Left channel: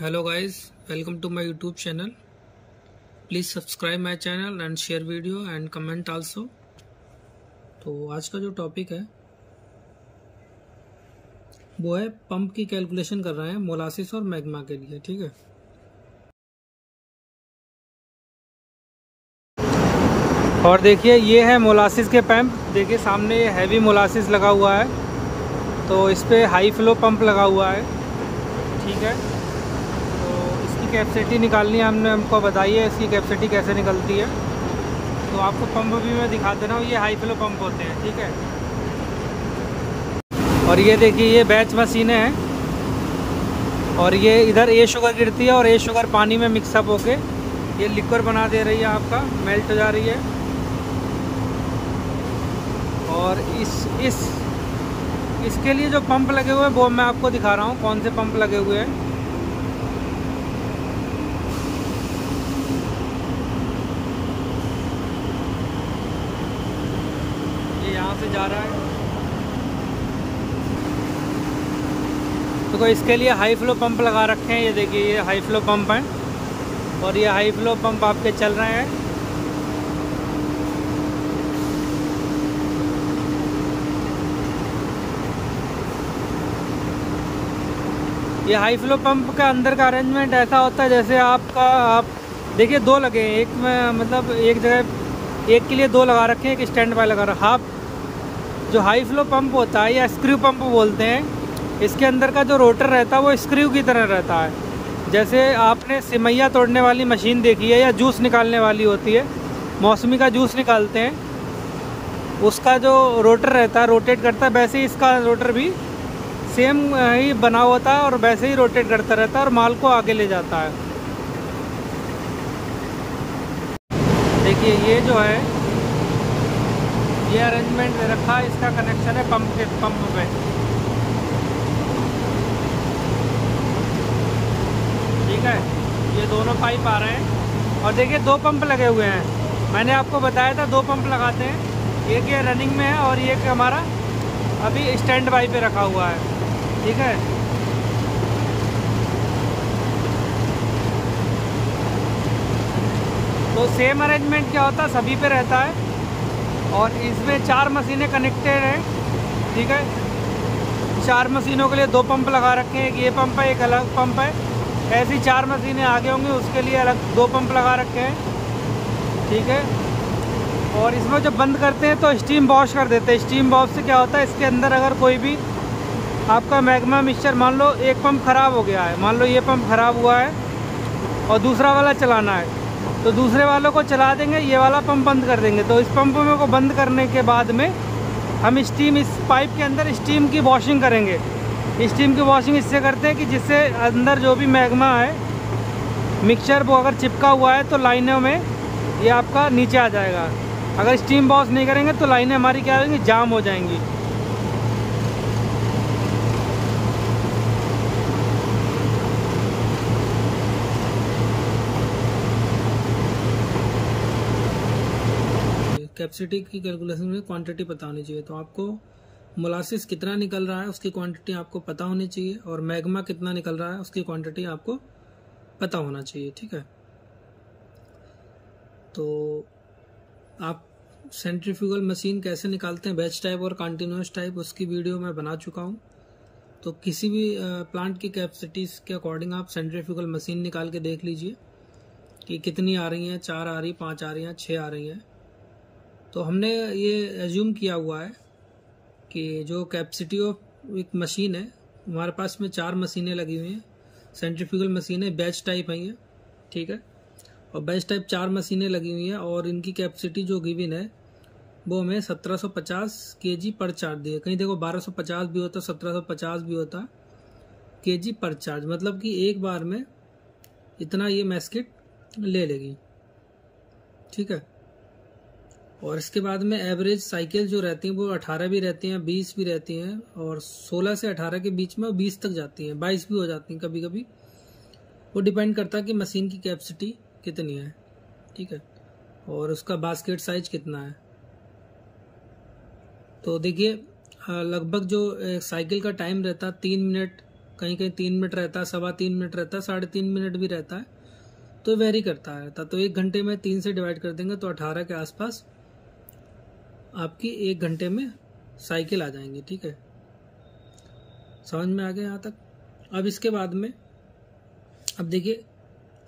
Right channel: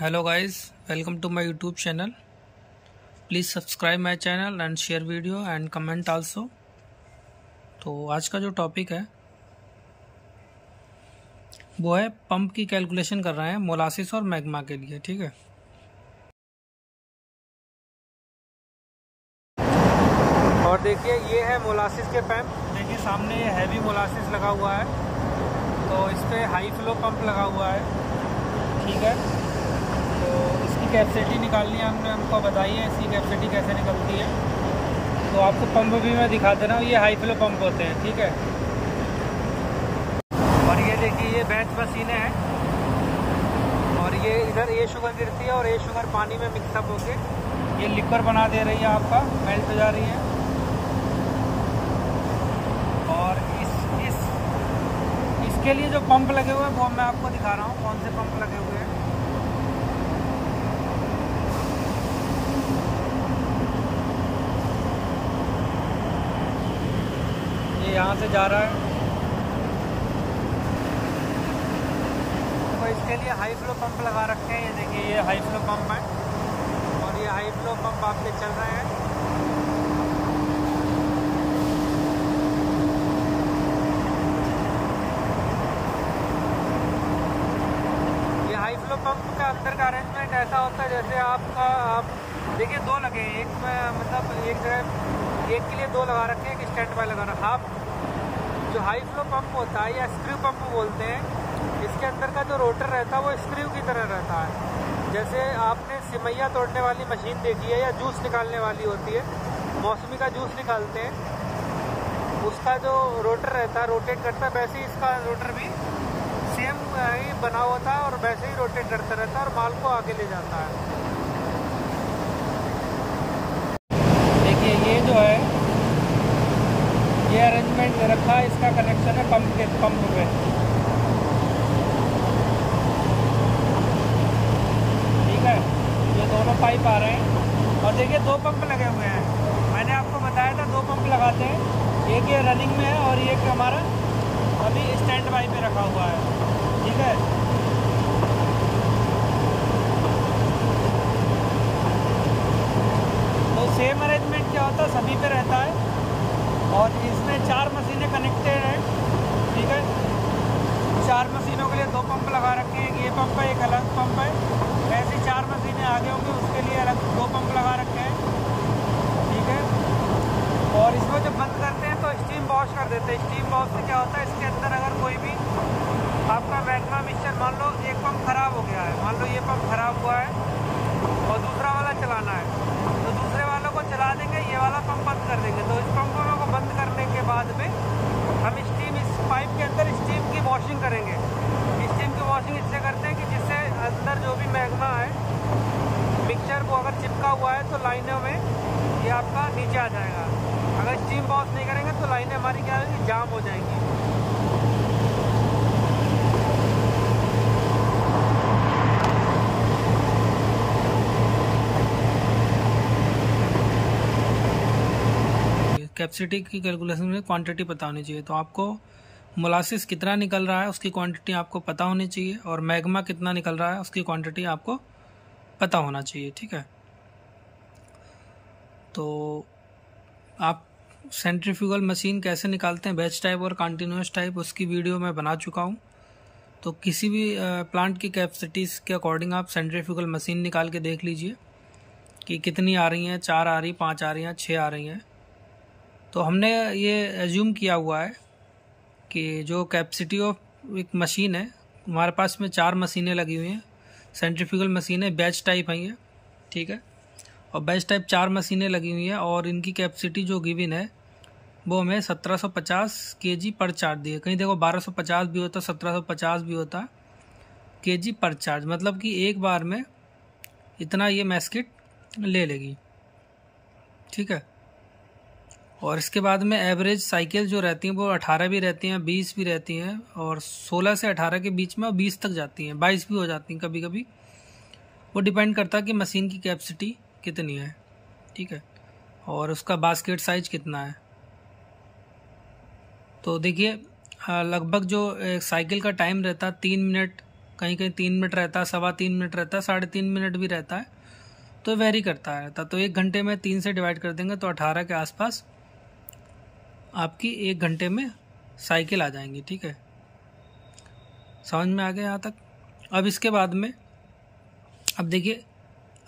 Hello guys, welcome to my YouTube channel. Please subscribe my channel and share video and comment also. तो आज का जो topic है वो है पंप की कैलकुलेशन कर रहे हैं मोलासिस और मैग्मा के लिए। ठीक है, और देखिए ये है मोलासिस के पंप। देखिए सामने ये हैवी मोलासिस लगा हुआ है, तो इस पे हाई फ्लो पंप लगा हुआ है। ठीक है, तो इसकी कैपेसिटी निकालनी है, हमको बताइए इसकी कैपेसिटी कैसे निकलती है। तो आपको पंप भी मैं दिखा दे रहा हूँ, ये हाई फ्लो पंप होते हैं। ठीक है, और ये देखिए ये बैच मशीनें हैं, और ये इधर ए शुगर गिरती है और ए शुगर पानी में मिक्सअप होके ये लिक्विड बना दे रही है, आपका मेल्ट हो जा रही है। और इसके लिए जो पंप लगे हुए हैं वो मैं आपको दिखा रहा हूँ, कौन से पंप लगे हुए हैं। ये यहाँ से जा रहा है, तो इसके लिए हाई फ्लो पंप लगा रखे हैं। ये देखिए ये हाई फ्लो पंप है, और ये हाई फ्लो पंप आपके चल रहे हैं। ये हाई फ्लो पंप का अंदर का अरेंजमेंट ऐसा होता है जैसे आप देखिए दो लगे हैं, एक में मतलब एक जगह एक के लिए दो लगा रखे हैं, एक स्टैंड बाय लगा रखा। आप जो हाई फ्लो पंप होता है या स्क्रू पंप बोलते हैं, इसके अंदर का जो रोटर रहता है वो स्क्रू की तरह रहता है। जैसे आपने सिमैया तोड़ने वाली मशीन देखी है या जूस निकालने वाली होती है, मौसमी का जूस निकालते हैं, उसका जो रोटर रहता है रोटेट करता है, वैसे ही इसका रोटर भी सेम ही बना होता है और वैसे ही रोटेट करता रहता है और माल को आगे ले जाता है। देखिए ये जो है ये अरेंजमेंट दे रखा है, इसका कनेक्शन है पंप पे। ठीक है, ये दोनों पाइप आ रहे हैं, और देखिए दो पंप लगे हुए हैं। मैंने आपको बताया था दो पंप लगाते हैं, एक ये रनिंग में है और एक हमारा अभी स्टैंड बाई पे रखा हुआ है। ठीक है, तो सेम अरेंजमेंट क्या होता है सभी पे रहता है, और इसमें 4 मशीनें कनेक्टेड हैं। ठीक है, 4 मशीनों के लिए दो पंप लगा रखे हैं, एक ये पंप है एक अलग पंप है। ऐसी 4 मशीनें आगे होंगी, उसके लिए अलग दो पंप लगा रखे हैं। ठीक है, और इसमें जब बंद करते हैं तो स्टीम वॉश कर देते हैं। स्टीम वॉश से क्या होता है, इसके अंदर अगर कोई भी आपका मैग्मा मिक्सचर, मान लो एक पंप ख़राब हो गया है, मान लो ये पंप ख़राब हुआ है और दूसरा वाला चलाना है, तो दूसरे वालों को चला देंगे, ये वाला पंप बंद कर देंगे। तो इस पंप को बंद करने के बाद में हम स्टीम इस पाइप के अंदर स्टीम की वॉशिंग करेंगे। स्टीम की वॉशिंग इससे करते हैं कि जिससे अंदर जो भी मैग्मा है मिक्सचर वो अगर चिपका हुआ है तो लाइनों में ये आपका नीचे आ जाएगा। अगर स्टीम वॉश नहीं करेंगे तो लाइनें हमारी क्या होंगी, जाम हो जाएंगी। कैपेसिटी की कैलकुलेशन में क्वांटिटी पता होनी चाहिए, तो आपको मोलासिस कितना निकल रहा है उसकी क्वांटिटी आपको पता होनी चाहिए, और मैग्मा कितना निकल रहा है उसकी क्वांटिटी आपको पता होना चाहिए। ठीक है, तो आप सेंट्रीफ्यूगल मशीन कैसे निकालते हैं, बैच टाइप और कंटिन्यूअस टाइप, उसकी वीडियो मैं बना चुका हूँ। तो किसी भी प्लांट की कैपेसिटीज के अकॉर्डिंग आप सेंट्रीफ्यूगल मशीन निकाल के देख लीजिए कि कितनी आ रही हैं, 4 आ रही, 5 आ रही हैं, 6 आ रही हैं। तो हमने ये एज्यूम किया हुआ है कि जो कैपेसिटी ऑफ एक मशीन है, हमारे पास में 4 मशीनें लगी हुई हैं, सेंट्रीफ्यूगल मशीन है, बैच टाइप है ये। ठीक है, और बैच टाइप 4 मशीनें लगी हुई हैं, और इनकी कैपेसिटी जो गिवन है वो हमें 1750 kg पर चार्ज दी है। कहीं देखो 1250 भी होता, 1750 भी होता kg पर चार्ज, मतलब कि एक बार में इतना ये मैस्किट ले लेगी। ठीक है, और इसके बाद में एवरेज साइकिल जो रहती हैं वो 18 भी रहती हैं, 20 भी रहती हैं, और 16 से 18 के बीच में 20 तक जाती हैं, 22 भी हो जाती हैं कभी कभी। वो डिपेंड करता है कि मशीन की कैपेसिटी कितनी है। ठीक है, और उसका बास्केट साइज कितना है। तो देखिए लगभग जो साइकिल का टाइम रहता है 3 मिनट कहीं कहीं 3 मिनट रहता है, 3.25 मिनट रहता है, 3.5 मिनट भी रहता है, तो वेरी करता रहता। तो 1 घंटे में 3 से डिवाइड कर देंगे तो 18 के आसपास आपकी 1 घंटे में साइकिल आ जाएंगी। ठीक है, समझ में आ गया यहाँ तक। अब इसके बाद में अब देखिए,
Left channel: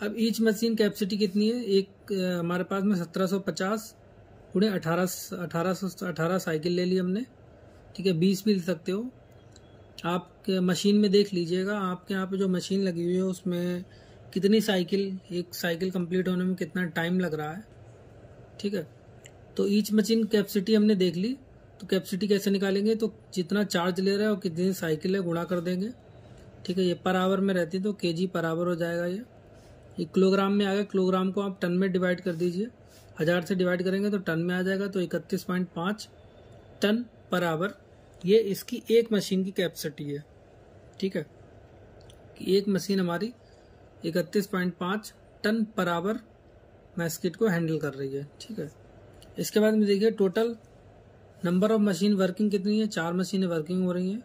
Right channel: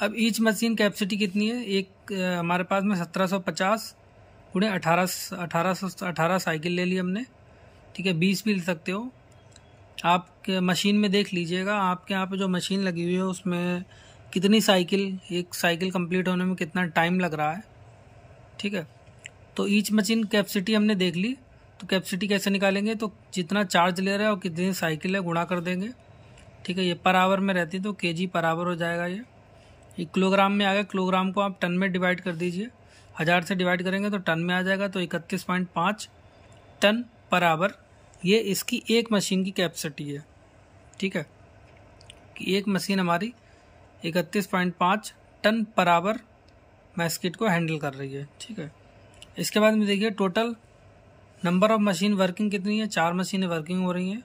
अब ईच मशीन कैपेसिटी कितनी है, एक हमारे पास में 1750 गुणे 18 साइकिल ले ली हमने। ठीक है, 20 भी ले सकते हो आप, मशीन में देख लीजिएगा आपके यहाँ पे जो मशीन लगी हुई है उसमें कितनी साइकिल, एक साइकिल कंप्लीट होने में कितना टाइम लग रहा है। ठीक है, तो ईच मशीन कैपेसिटी हमने देख ली। तो कैपेसिटी कैसे निकालेंगे, तो जितना चार्ज ले रहा है और कितनी साइकिल है गुणा कर देंगे। ठीक है, ये पर आवर में रहती तो केजी पर आवर हो जाएगा। ये किलोग्राम में आ गया, किलोग्राम को आप टन में डिवाइड कर दीजिए, 1000 से डिवाइड करेंगे तो टन में आ जाएगा, तो 31.5 टन पर आवर ये इसकी एक मशीन की कैपेसिटी है। ठीक है, कि एक मशीन हमारी 31.5 टन पर आवर मैस्किट को हैंडल कर रही है। ठीक है, इसके बाद में देखिए total number of machine working कितनी है, 4 मशीनें वर्किंग हो रही हैं।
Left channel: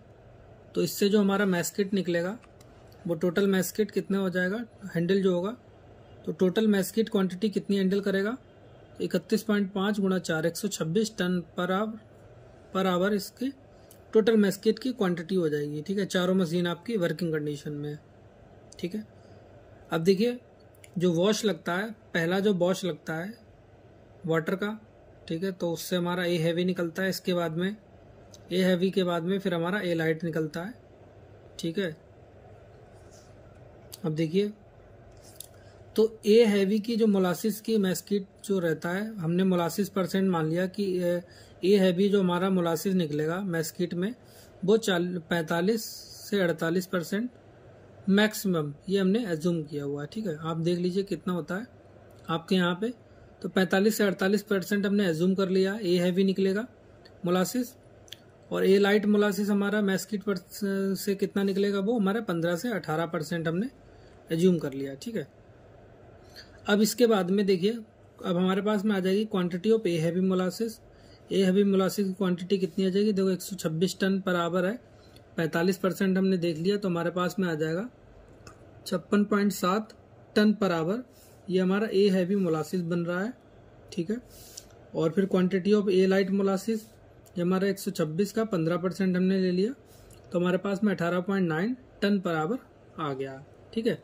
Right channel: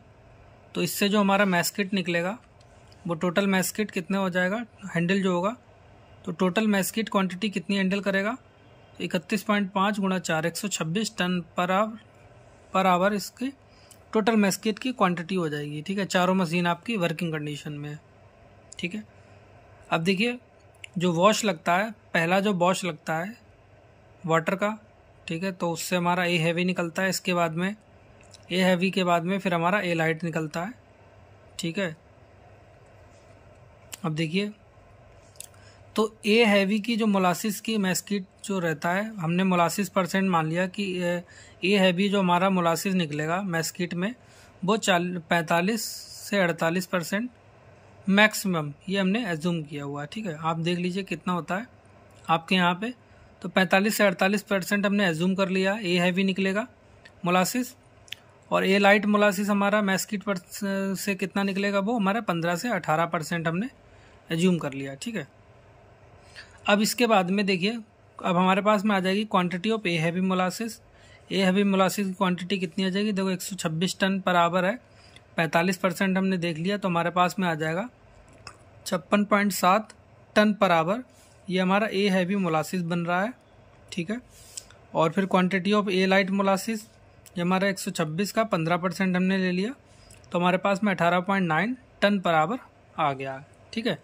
तो इससे जो हमारा मैस्किट निकलेगा वो टोटल मैस्किट कितने हो जाएगा, हैंडल जो होगा, तो टोटल मैस्किट क्वांटिटी कितनी हैंडल करेगा, तो 31.5 गुणा 4 126 टन पर आवर इसकी टोटल मैस्किट की क्वांटिटी हो जाएगी। ठीक है, चारों मशीन आपकी वर्किंग कंडीशन में है। ठीक है, अब देखिए जो वॉश लगता है, पहला जो वॉश लगता है वाटर का, ठीक है, तो उससे हमारा ए हैवी निकलता है। इसके बाद में ए हैवी के बाद में फिर हमारा ए लाइट निकलता है। ठीक है, अब देखिए तो ए हैवी की जो मोलासिस की मैस्किट जो रहता है, हमने मोलासिस परसेंट मान लिया कि ए हैवी जो हमारा मोलासिस निकलेगा मैस्किट में वो 45 से 48% मैक्सिमम, ये हमने एज्यूम किया हुआ है। ठीक है, आप देख लीजिए कितना होता है आपके यहाँ पे, तो 45 से 48% हमने एज्यूम कर लिया ए हैवी निकलेगा मोलासिस, और ए लाइट मोलासिस हमारा मैस्किट पर से कितना निकलेगा, वो हमारा 15 से 18% हमने एज्यूम कर लिया। ठीक है, अब इसके बाद में देखिए अब हमारे पास में आ जाएगी quantity of a heavy molasses. A heavy molasses की क्वांटिटी कितनी आ जाएगी, देखो 126 टन पर आवर है, 45% हमने देख लिया, तो हमारे पास में आ जाएगा 56.7 टन पर आवर, ये हमारा ए हैवी मोलासिस बन रहा है। ठीक है, और फिर quantity of A light molasses, ये हमारा 126 का 15% हमने ले लिया, तो हमारे पास में 18.9 टन पर आवर आ गया। ठीक है,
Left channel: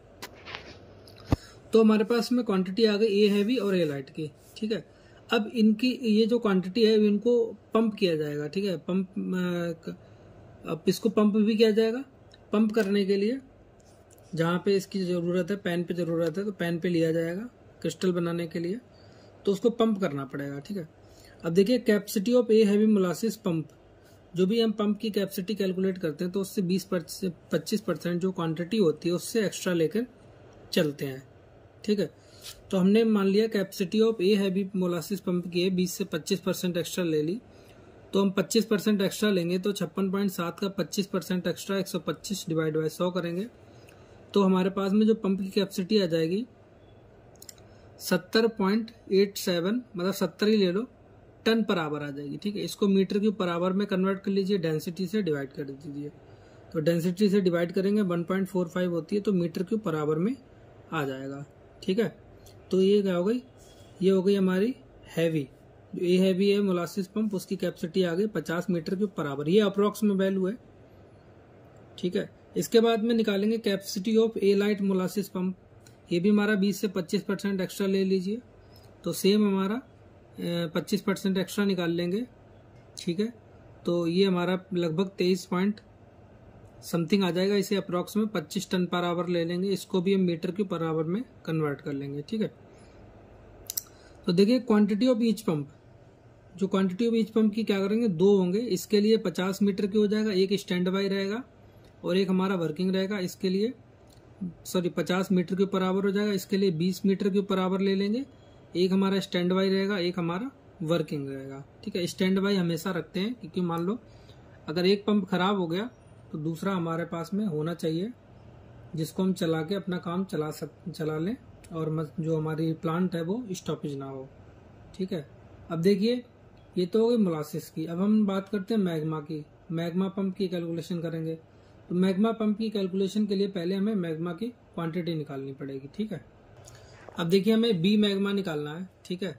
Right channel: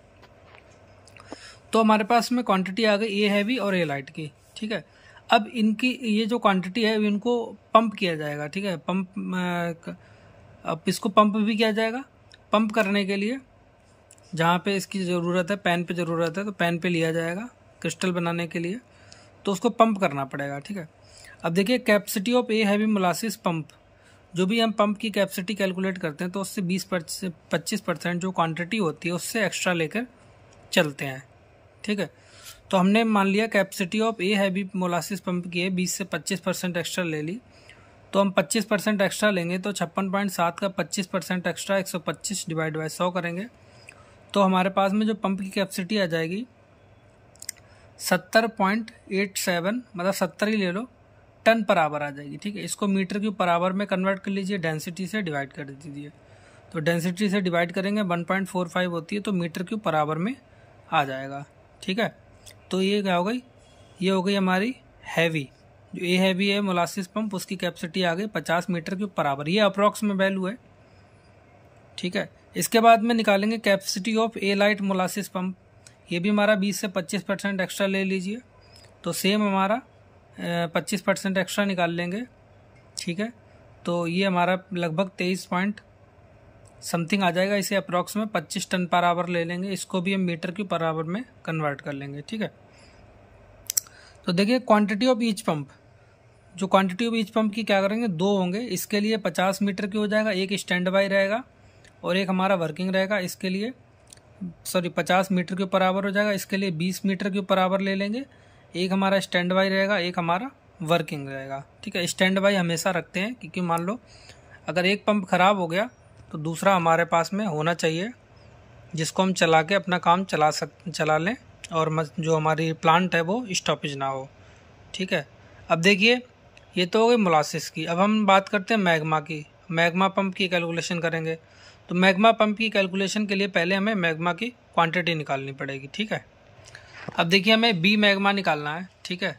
तो हमारे पास में क्वांटिटी आ गई ए हैवी और ए लाइट की। ठीक है, अब इनकी ये जो क्वांटिटी है इनको पंप किया जाएगा। ठीक है, अब इसको पंप भी किया जाएगा। पंप करने के लिए जहाँ पे इसकी ज़रूरत है, पैन पे ज़रूरत है, तो पैन पे लिया जाएगा क्रिस्टल बनाने के लिए, तो उसको पंप करना पड़ेगा। ठीक है, अब देखिए capacity of a heavy molasses pump, जो भी हम पंप की कैपेसिटी कैलकुलेट करते हैं तो उससे 20-25% जो क्वांटिटी होती है उससे एक्स्ट्रा लेकर चलते हैं। ठीक है, तो हमने मान लिया capacity of a heavy molasses pump की है 20 से 25% एक्स्ट्रा ले ली, तो हम 25% एक्स्ट्रा लेंगे तो 56.7 का 25% एक्स्ट्रा 125 डिवाइड बाय 100 करेंगे, तो हमारे पास में जो पंप की कैपेसिटी आ जाएगी 70.87, मतलब 70 ही ले लो, टन पर आवर आ जाएगी। ठीक है, इसको मीटर क्यूब पर आवर में कन्वर्ट कर लीजिए, डेंसिटी से डिवाइड कर दीजिए, तो डेंसिटी से डिवाइड करेंगे 1.45 होती है, तो मीटर क्यूब पर आवर में आ जाएगा। ठीक है, तो ये क्या हो गई, ये हो गई हमारी हैवी, जो ए हैवी है मोलासिस पंप, उसकी कैपेसिटी आ गई 50 मीटर क्यूब पर आवर, ये अप्रॉक्स में वैल्यू है। ठीक है, इसके बाद में निकालेंगे capacity of A light molasses pump, ये भी हमारा 20 से 25% एक्स्ट्रा ले लीजिए, तो सेम हमारा 25% एक्स्ट्रा निकाल लेंगे। ठीक है, तो ये हमारा लगभग 23 पॉइंट समथिंग आ जाएगा, इसे अप्रॉक्स में 25 टन पर आवर ले लेंगे, इसको भी हम मीटर क्यूब पर आवर में कन्वर्ट कर लेंगे। ठीक है, तो देखिए क्वांटिटी ऑफ ईच पंप, जो क्वांटिटी ऑफ ईच पंप की क्या करेंगे, 2 होंगे, इसके लिए 50 मीटर की हो जाएगा, एक स्टैंड बाई रहेगा और एक हमारा वर्किंग रहेगा, इसके लिए 50 मीटर के पर आवर हो जाएगा, इसके लिए 20 मीटर के पर आवर ले लेंगे, एक हमारा स्टैंड बाई रहेगा, एक हमारा वर्किंग रहेगा। ठीक है, स्टैंड बाई हमेशा रखते हैं क्योंकि मान लो अगर एक पंप खराब हो गया तो दूसरा हमारे पास में होना चाहिए, जिसको हम चला के अपना काम चला लें और जो हमारी प्लांट है वो स्टॉपेज ना हो। ठीक है, अब देखिए ये तो हो गई मोलासिस की, अब हम बात करते हैं मैग्मा की। मैग्मा पंप की कैलकुलेशन करेंगे तो मैग्मा पंप की कैलकुलेशन के लिए पहले हमें मैग्मा की क्वांटिटी निकालनी पड़ेगी, ठीक है। अब देखिए हमें बी मैग्मा निकालना है, ठीक है,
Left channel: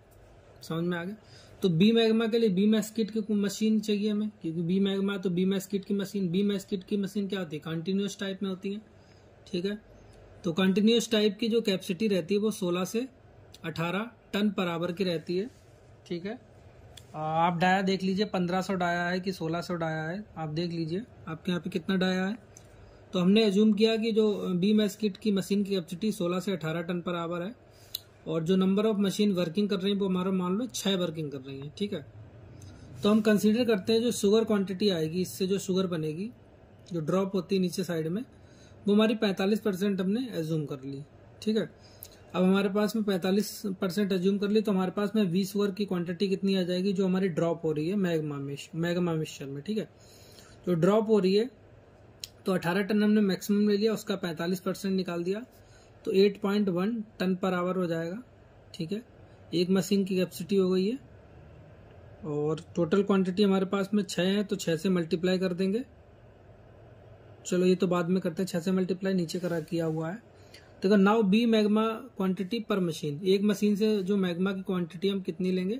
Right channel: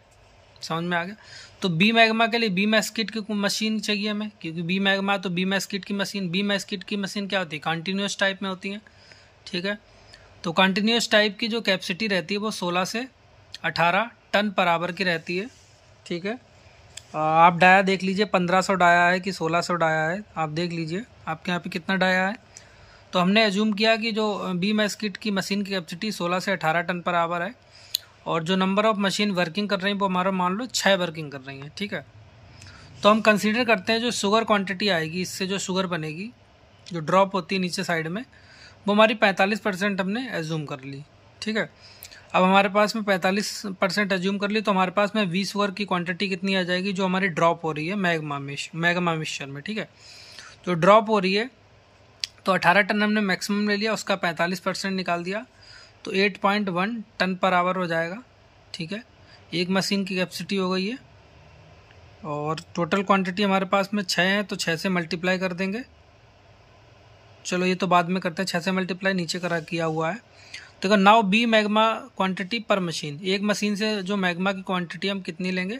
समझ में आ गया। तो बी मैग्मा के लिए बी मैस्किट की मशीन चाहिए हमें, क्योंकि बी मैग्मा तो बी मैस्किट की मशीन, बी मैस्किट की मशीन क्या होती है, कंटिन्यूस टाइप में होती है, ठीक है। तो कंटिन्यूस टाइप की जो कैपेसिटी रहती है वो 16 से 18 टन पर आवर की रहती है, ठीक है। आप डाया देख लीजिए 1500 डाया है कि 1600 डाया है, आप देख लीजिए आपके यहाँ पे कितना डाया है। तो हमने एज्यूम किया कि जो बी मैस्किट की मशीन की कैपेसिटी 16 से 18 टन पर आवर है, और जो नंबर ऑफ मशीन वर्किंग कर रही हैं वो हमारा मान लो 6 वर्किंग कर रही हैं, ठीक है। तो हम कंसीडर करते हैं जो शुगर क्वांटिटी आएगी, इससे जो शुगर बनेगी, जो ड्रॉप होती है नीचे साइड में, वो हमारी 45% हमने एज्यूम कर ली, ठीक है। अब हमारे पास में 45% एज्यूम कर ली, तो हमारे पास में 20 शुगर की क्वांटिटी कितनी आ जाएगी जो हमारी ड्रॉप हो रही है मैग्मा मिक्सचर में, ठीक है। तो ड्रॉप हो रही है, तो 18 टन हमने मैक्सिमम ले लिया, उसका 45% निकाल दिया, तो 8.1 टन पर आवर हो जाएगा, ठीक है। एक मशीन की कैपेसिटी हो गई है, और टोटल क्वांटिटी हमारे पास में 6 है, तो 6 से मल्टीप्लाई कर देंगे। चलो ये तो बाद में करते हैं, 6 से मल्टीप्लाई नीचे किया हुआ है। देखो नाउ बी मैग्मा क्वांटिटी पर मशीन, एक मशीन से जो मैग्मा की क्वांटिटी हम कितनी लेंगे,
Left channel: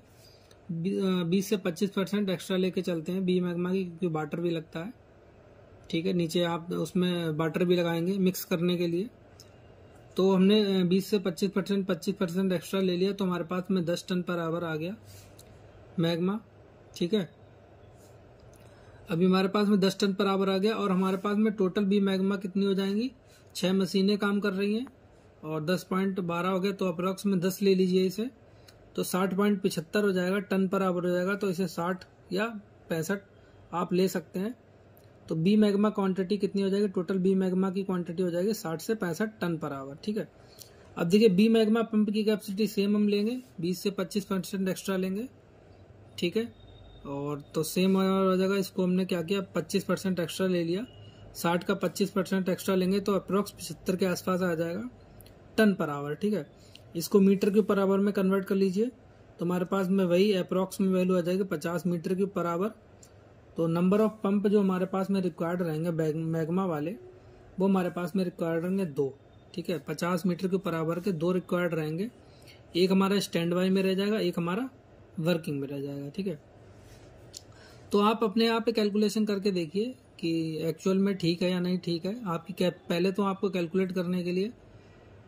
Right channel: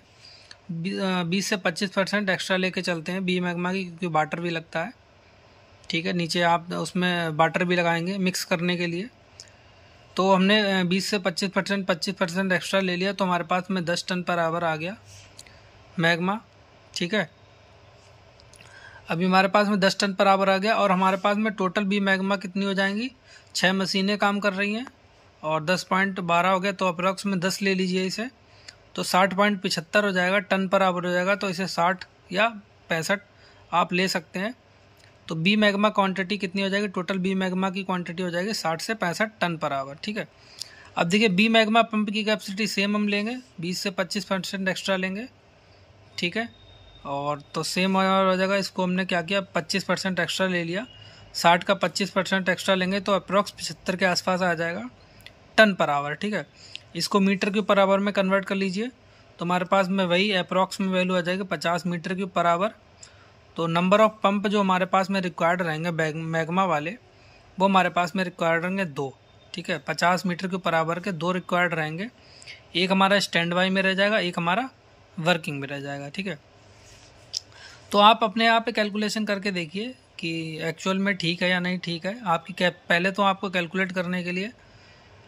20 से 25% एक्स्ट्रा लेके चलते हैं बी मैग्मा की, क्योंकि वाटर भी लगता है, ठीक है। नीचे आप उसमें वाटर भी लगाएंगे मिक्स करने के लिए। तो हमने 20 से 25% एक्स्ट्रा ले लिया, तो हमारे पास में 10 टन पर आवर आ गया मैग्मा, ठीक है। अभी हमारे पास में 10 टन पर आवर आ गया, और हमारे पास में टोटल बी मैग्मा कितनी हो जाएंगी, 6 मशीनें काम कर रही हैं, और 10.12 हो गया, तो अप्रॉक्स में 10 ले लीजिए इसे, तो 60.75 हो जाएगा, टन पर आवर हो जाएगा। तो इसे 60 या 65 आप ले सकते हैं। तो बी मैग्मा क्वांटिटी कितनी हो जाएगी, टोटल बी मैग्मा की क्वांटिटी हो जाएगी 60 से 65 टन पर आवर, ठीक है। अब देखिए बी मैग्मा पंप की कैपेसिटी सेम हम लेंगे, 20 से 25% एक्स्ट्रा लेंगे, ठीक है। और तो सेम हो जाएगा, इसको हमने क्या किया 25% एक्स्ट्रा ले लिया, 60 का 25% एक्स्ट्रा लेंगे, तो अप्रॉक्स 75 के आसपास आ जाएगा टन पर आवर, ठीक है। इसको मीटर क्यूब पर आवर में कन्वर्ट कर लीजिए, तो हमारे पास में वही अप्रॉक्स में वैल्यू आ जाएगी 50 मीटर क्यूब पर आवर। तो नंबर ऑफ पंप जो हमारे पास में रिक्वायर्ड रहेंगे मैग्मा वाले, वो हमारे पास में रिक्वायर्ड रहेंगे 2, ठीक है। 50 मीटर क्यूब पर आवर के 2 रिक्वायर्ड रहेंगे, एक हमारा स्टैंड बाई में रह जाएगा, एक हमारा वर्किंग में रह जाएगा, ठीक है। तो आप अपने आप पे कैलकुलेशन करके देखिए कि एक्चुअल में ठीक है या नहीं ठीक है। आपकी पहले तो आपको कैलकुलेट करने के लिए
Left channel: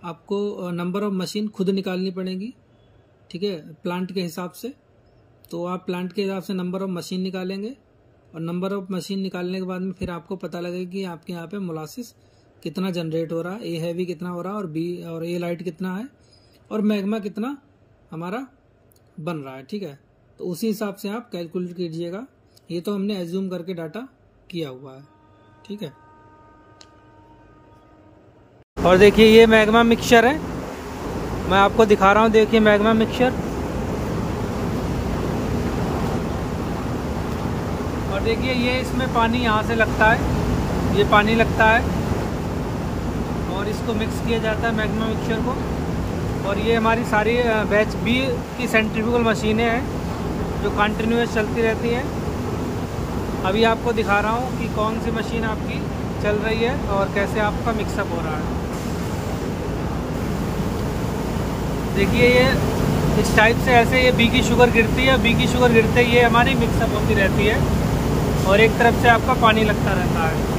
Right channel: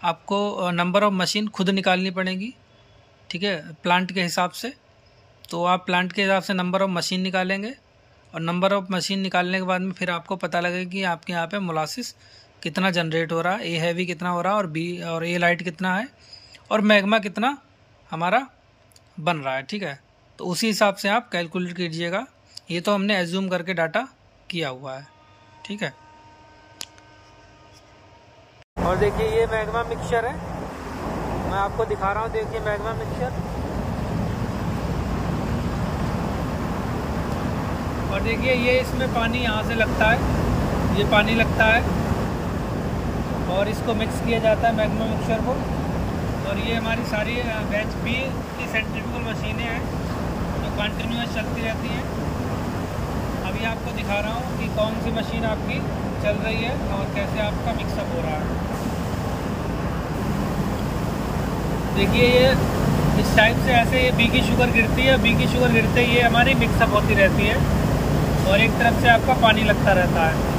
आपको नंबर ऑफ मशीन खुद निकालनी पड़ेगी, ठीक है, प्लांट के हिसाब से। तो आप प्लांट के हिसाब से नंबर ऑफ मशीन निकालेंगे, और नंबर ऑफ मशीन निकालने के बाद में फिर आपको पता लगेगा कि आपके यहाँ पे मोलासिस कितना जनरेट हो रहा है, ए हैवी कितना हो रहा है, और बी और ए लाइट कितना है, और मैग्मा कितना हमारा बन रहा है, ठीक है। तो उसी हिसाब से आप कैलकुलेट कीजिएगा। ये तो हमने एज्यूम करके डाटा किया हुआ है, ठीक है। और देखिए ये मैग्मा मिक्सचर है, मैं आपको दिखा रहा हूँ, देखिए मैग्मा मिक्सचर। और देखिए ये इसमें पानी यहाँ से लगता है, ये पानी लगता है, और इसको मिक्स किया जाता है मैग्मा मिक्सचर को। और ये हमारी सारी बैच बी की सेंट्रीफ्यूगल मशीनें हैं जो कंटिन्यूस चलती रहती हैं। अभी आपको दिखा रहा हूँ कि कौन सी मशीन आपकी चल रही है और कैसे आपका मिक्सअप हो रहा है। देखिए ये इस टाइप से ऐसे ये बी की शुगर गिरती है, बी की शुगर गिरते ही ये हमारी मिक्सअप होती रहती है, और एक तरफ से आपका पानी लगता रहता है।